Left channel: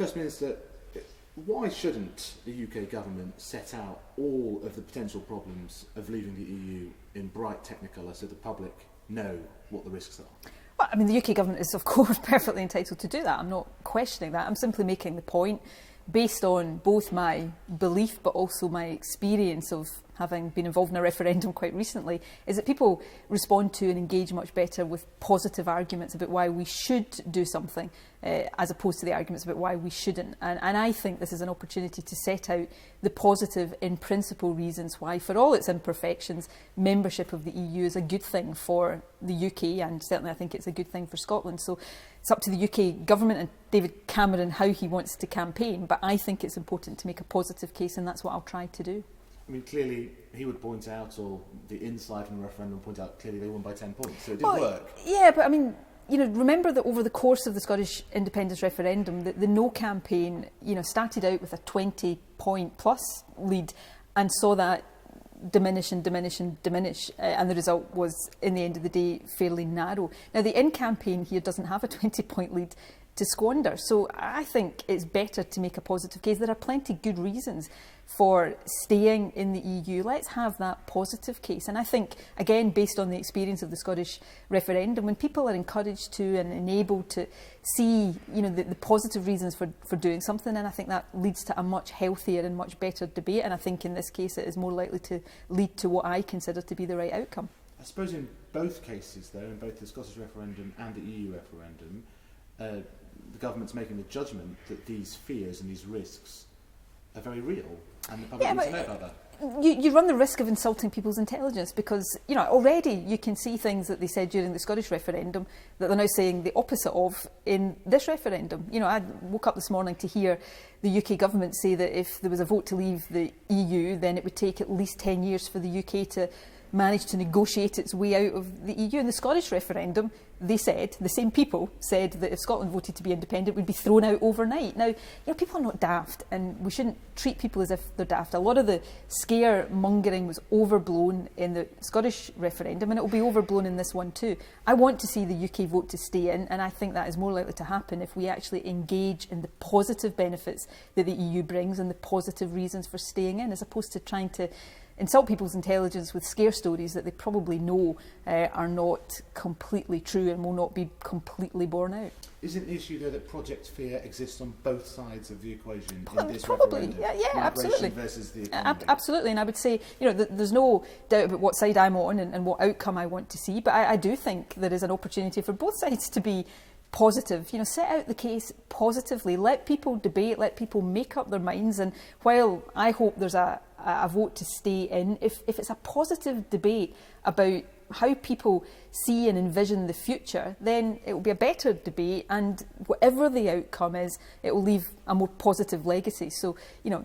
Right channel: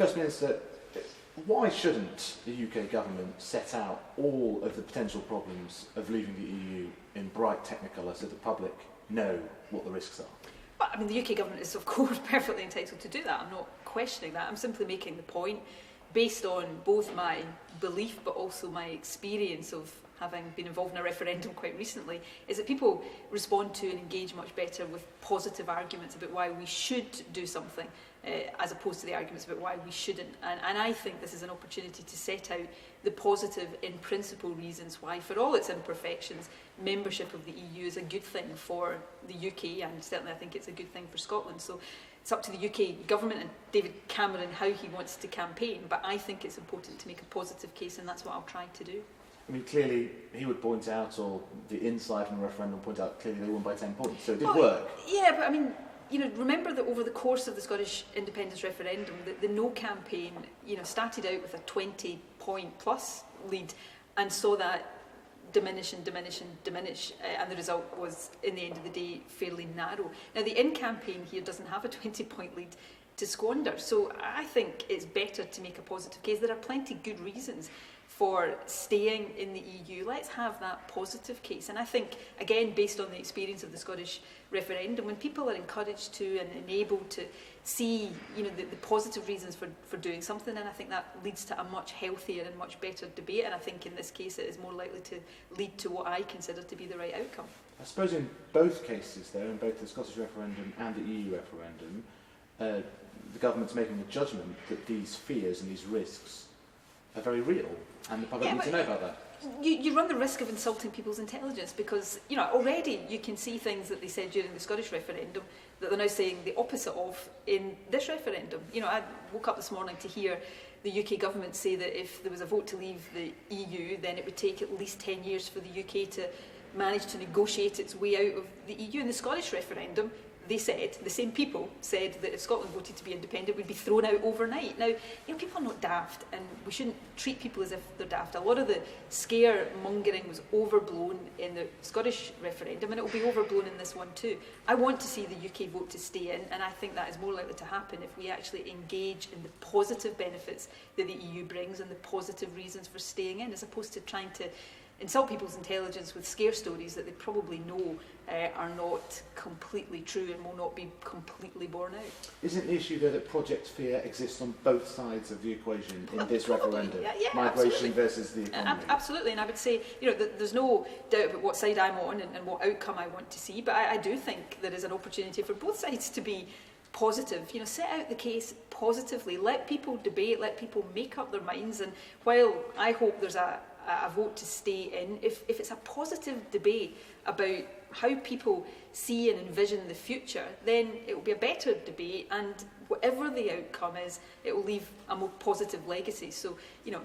First Minister, why shouldn't the UK government set out all of the potential problems of leaving the EU in bright technicolor so the public know what the risks are? Well, I mean, the UK government is, of course, perfectly entitled to do that. I'm not questioning that. I'm simply making the point, based on both my belief but also my experience of having been involved in a referendum quite recently, is that people respond to and engage much better with positive arguments about why we should do something, as opposed to the arguments about why we shouldn't. And I think this is an opportunity to set out the positive, in principle, reasons why, for all its imperfections, membership of the EU is a good thing for the UK, and certainly I think it's a good thing for Scotland. So it's up to the UK government and David Cameron how he wants to campaign, but I think it's important to make a positive case, and that's what I'll try to do. I mean, clearly he would point out, or the inside from the referendum point out, clearly they won by 10 points, so it did work. Yeah, but I mean, remember that over the course of the Scottish independence referendum, the No campaign, started out with a 20-point plus lead and saw that diminish and diminish and diminish, and the result was, in the end of the day, fairly narrow. Now, the In campaign here doesn't have a 20-point lead to squander, so I think it's better to make a positive case. There are plenty good reasons for staying in the EU. Let's have that positive case. And I think, again, based on the experience of the Scottish referendum, when people are encouraged to and enabled to see, the positive reasons for doing something, and I think that leads to a much healthier and much better debate. And I think in this case it is more likely to lead to what I consider to be the right outcome. I suppose in both cases, though, in both the Scottish referendum and the EU referendum, the government's making the judgment that these fears and these risks are very real, and the public needs to know about that. You run the risk of insulting people's intelligence, because already you can see things that they said during the Scottish referendum that they're now saying the opposite of in this referendum. I woke up this morning to hear the UK government say that if there was a vote to leave the EU, then it would take at least 10 years for the UK to manage to negotiate its way out of the EU. In the Scottish referendum, they said, the same people said, that if Scotland voted to be independent, it would be thrown out overnight. Now, people are not daft, and we shouldn't treat people as if they're daft. A lot of the scaremongering was overblown in the Scottish referendum, and it will be overblown in this one too. I want to see the UK vote to stay in, and I think that is more likely to happen if we actually engage in the positive benefits that the EU brings and the positive reasons for staying in, as opposed to trying to insult people's intelligence with scare stories that they probably know are not completely true and will not be completely borne out. Isn't the issue, though, that project fear exists on both sides of the equation in this probably, referendum? Yeah, migration absolutely. versus the economy? Absolutely, and I would say, there's no doubt about what side I'm on and what outcome I want to see, but I do think there is an opportunity for both sides to be positive. Set out the case positively, let people debate, let people make up their minds, and while I hope there's a vote to stay in, if it's a positive debate about how people see and envision the future, then it will be a better debate, and whatever the outcome is, it will leave a more positive legacy. So,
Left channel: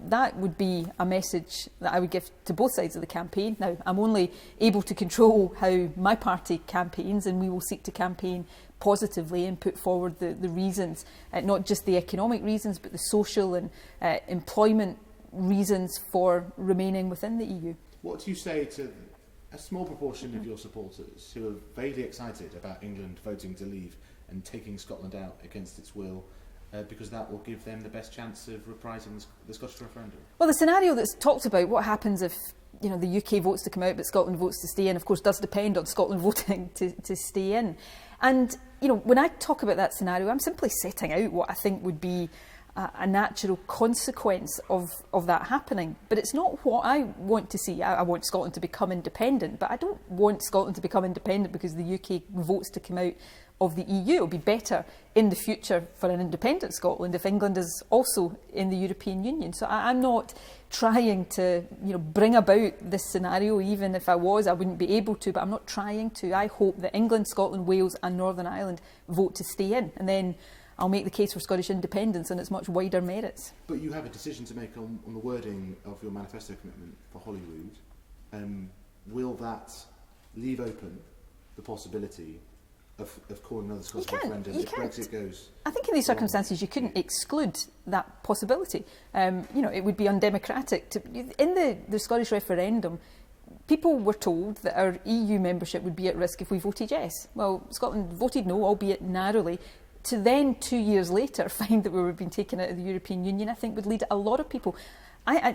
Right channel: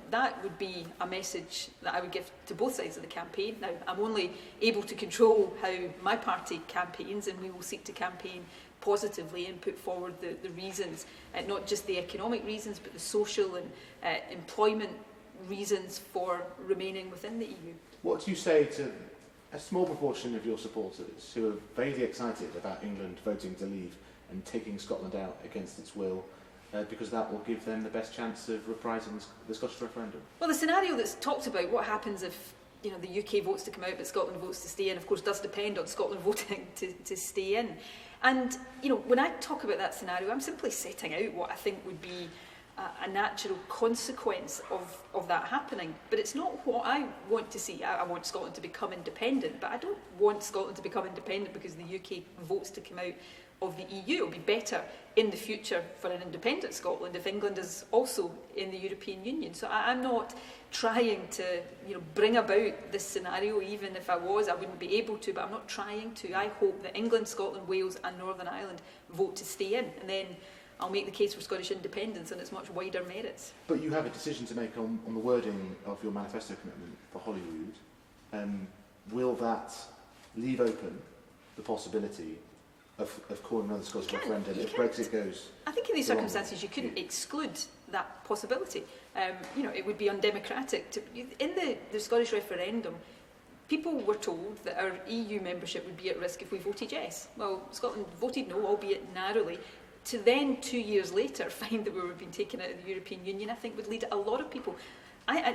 that would be a message that I would give to both sides of the campaign. Now, I'm only able to control how my party campaigns, and we will seek to campaign positively and put forward the reasons, not just the economic reasons, but the social and employment reasons for remaining within the EU. What do you say to a small proportion of your supporters who are vaguely excited about England voting to leave and taking Scotland out against its will, because that will give them the best chance of reprising the Scottish referendum? Well, the scenario that's talked about, what happens if the UK votes to come out but Scotland votes to stay in, of course does depend on Scotland voting to stay in. And when I talk about that scenario, I'm simply setting out what I think would be a natural consequence of that happening. But it's not what I want to see. I want Scotland to become independent, but I don't want Scotland to become independent because the UK votes to come out of the EU. It'll be better in the future for an independent Scotland if England is also in the European Union. So I'm not trying to bring about this scenario. Even if I was, I wouldn't be able to, but I'm not trying to. I hope that England, Scotland, Wales and Northern Ireland vote to stay in, and then I'll make the case for Scottish independence and its much wider merits. But you have a decision to make on the wording of your manifesto commitment for Holyrood. Will that leave open the possibility of calling another Scottish referendum if Brexit goes? I think in these circumstances you couldn't exclude that possibility. It would be undemocratic. In the Scottish referendum, people were told that our EU membership would be at risk if we voted yes. Well, Scotland voted no, albeit narrowly. to then 2 years later find that we were being taken out of the European Union, I think would lead a lot of people.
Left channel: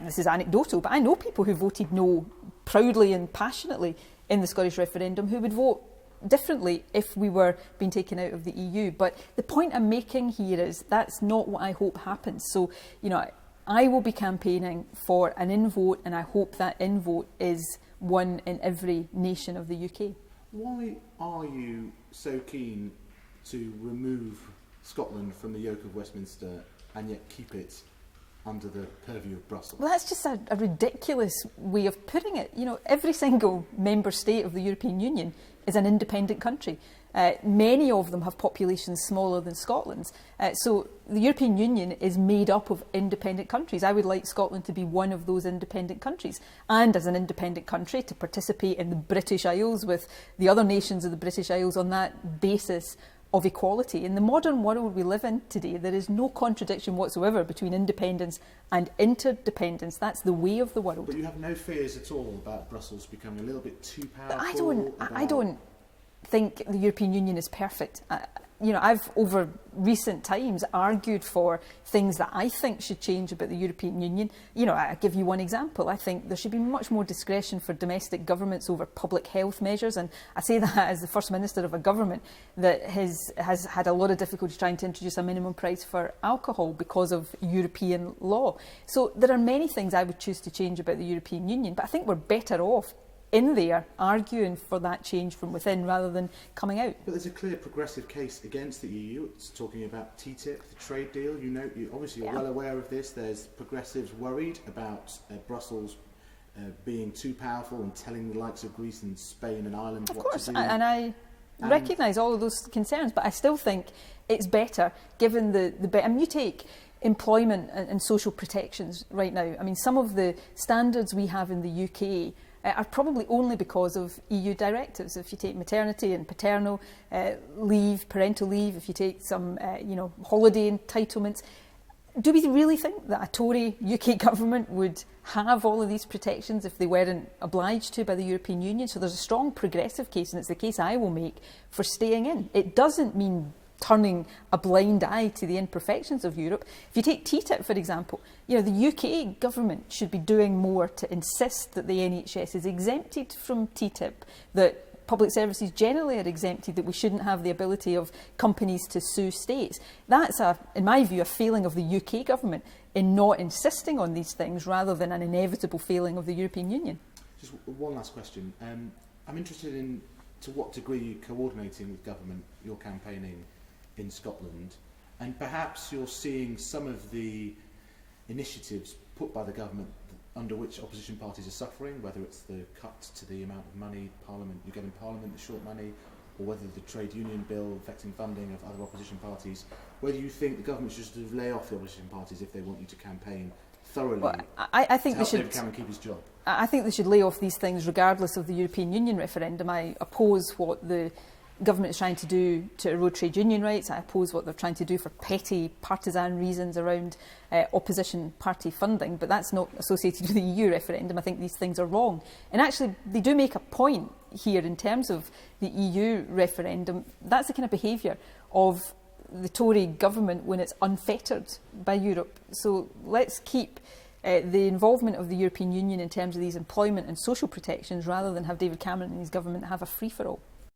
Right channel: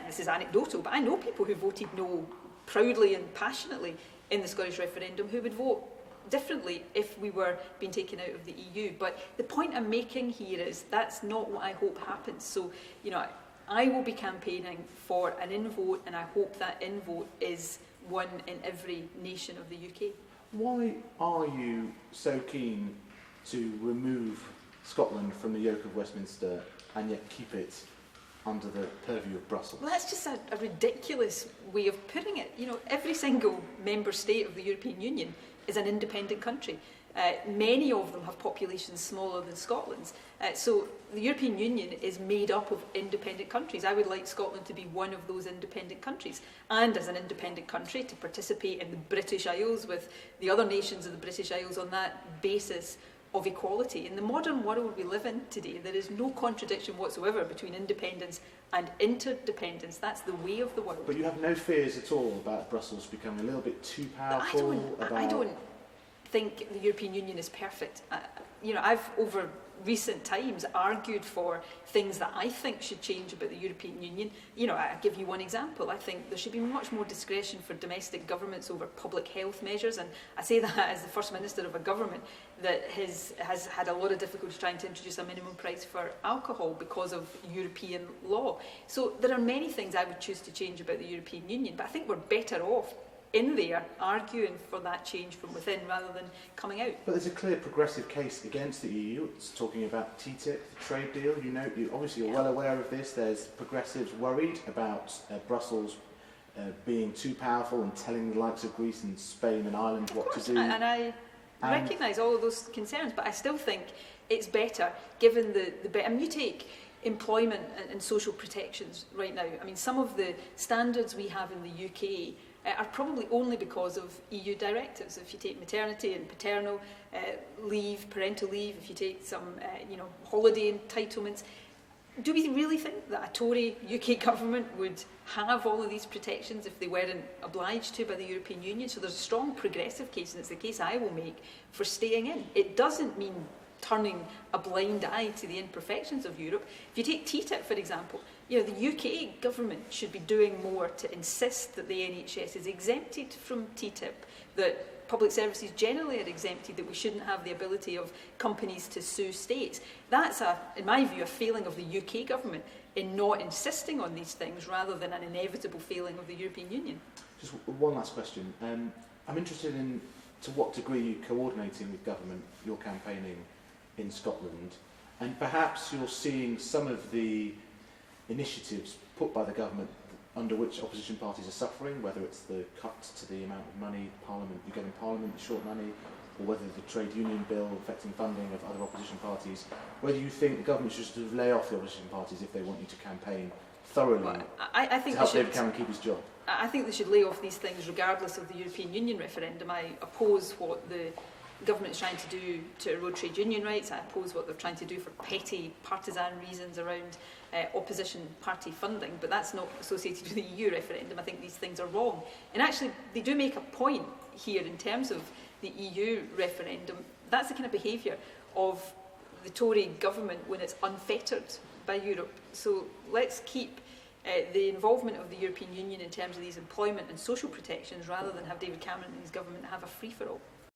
This is anecdotal, but I know people who voted no proudly and passionately in the Scottish referendum who would vote differently if we were being taken out of the EU. But the point I'm making here is that's not what I hope happens. So, I will be campaigning for an in-vote, and I hope that in-vote is one in every nation of the UK. Why are you so keen to remove Scotland from the yoke of Westminster and yet keep it under the purview of Brussels? Well, that's just a ridiculous way of putting it. Every single member state of the European Union is an independent country. Many of them have populations smaller than Scotland's. So the European Union is made up of independent countries. I would like Scotland to be one of those independent countries, and as an independent country to participate in the British Isles with the other nations of the British Isles on that basis of equality. In the modern world we live in today, there is no contradiction whatsoever between independence and interdependence. That's the way of the world. But you have no fears at all about Brussels becoming a little bit too powerful? I don't think the European Union is perfect. I've over recent times argued for things that I think should change about the European Union. I give you one example. I think there should be much more discretion for domestic governments over public health measures, and I say that as the First Minister of a government that has had a lot of difficulty trying to introduce a minimum price for alcohol because of European law. So there are many things I would choose to change about the European Union, but I think we're better off in there arguing for that change from within rather than coming out. But there's a clear progressive case against the EU. It's talking about TTIP, the trade deal. You're well aware of this. There's progressives worried about Brussels being too powerful and telling the likes of Greece and Spain and Ireland what to do. And I recognise all of those concerns, but I still think it's better given you take employment and social protections right now. I mean, some of the standards we have in the UK are probably only because of EU directives. If you take maternity and paternal leave, parental leave, if you take some holiday entitlements, do we really think that a Tory UK government would have all of these protections if they weren't obliged to by the European Union? So there's a strong progressive case, and it's the case I will make, for staying in. It doesn't mean turning a blind eye to the imperfections of Europe. If you take TTIP, for example, the UK government should be doing more to insist that the NHS is exempted from TTIP, that public services generally are exempted, that we shouldn't have the ability of companies to sue states. That's, in my view, a failing of the UK government in not insisting on these things rather than an inevitable failing of the European Union. Just one last question. I'm interested in to what degree you're coordinating with government, your campaigning in Scotland, and perhaps you're seeing some of the initiatives put by the government under which opposition parties are suffering, whether it's the cut to the amount of money you get in Parliament, the short money, or whether the trade union bill affecting funding of other opposition parties, whether you think the government should sort of lay off the opposition parties if they want you to campaign thoroughly I think to help David Cameron keep his job. I think they should lay off these things regardless of the European Union referendum. I oppose what the government is trying to do to erode trade union rights. I oppose what they're trying to do for petty partisan reasons around opposition party funding, but that's not associated with the EU referendum. I think these things are wrong. And actually, they do make a point here in terms of the EU referendum. That's the kind of behaviour of the Tory government when it's unfettered by Europe. So let's keep the involvement of the European Union in terms of these employment and social protections rather than have David Cameron and his government have a free-for-all.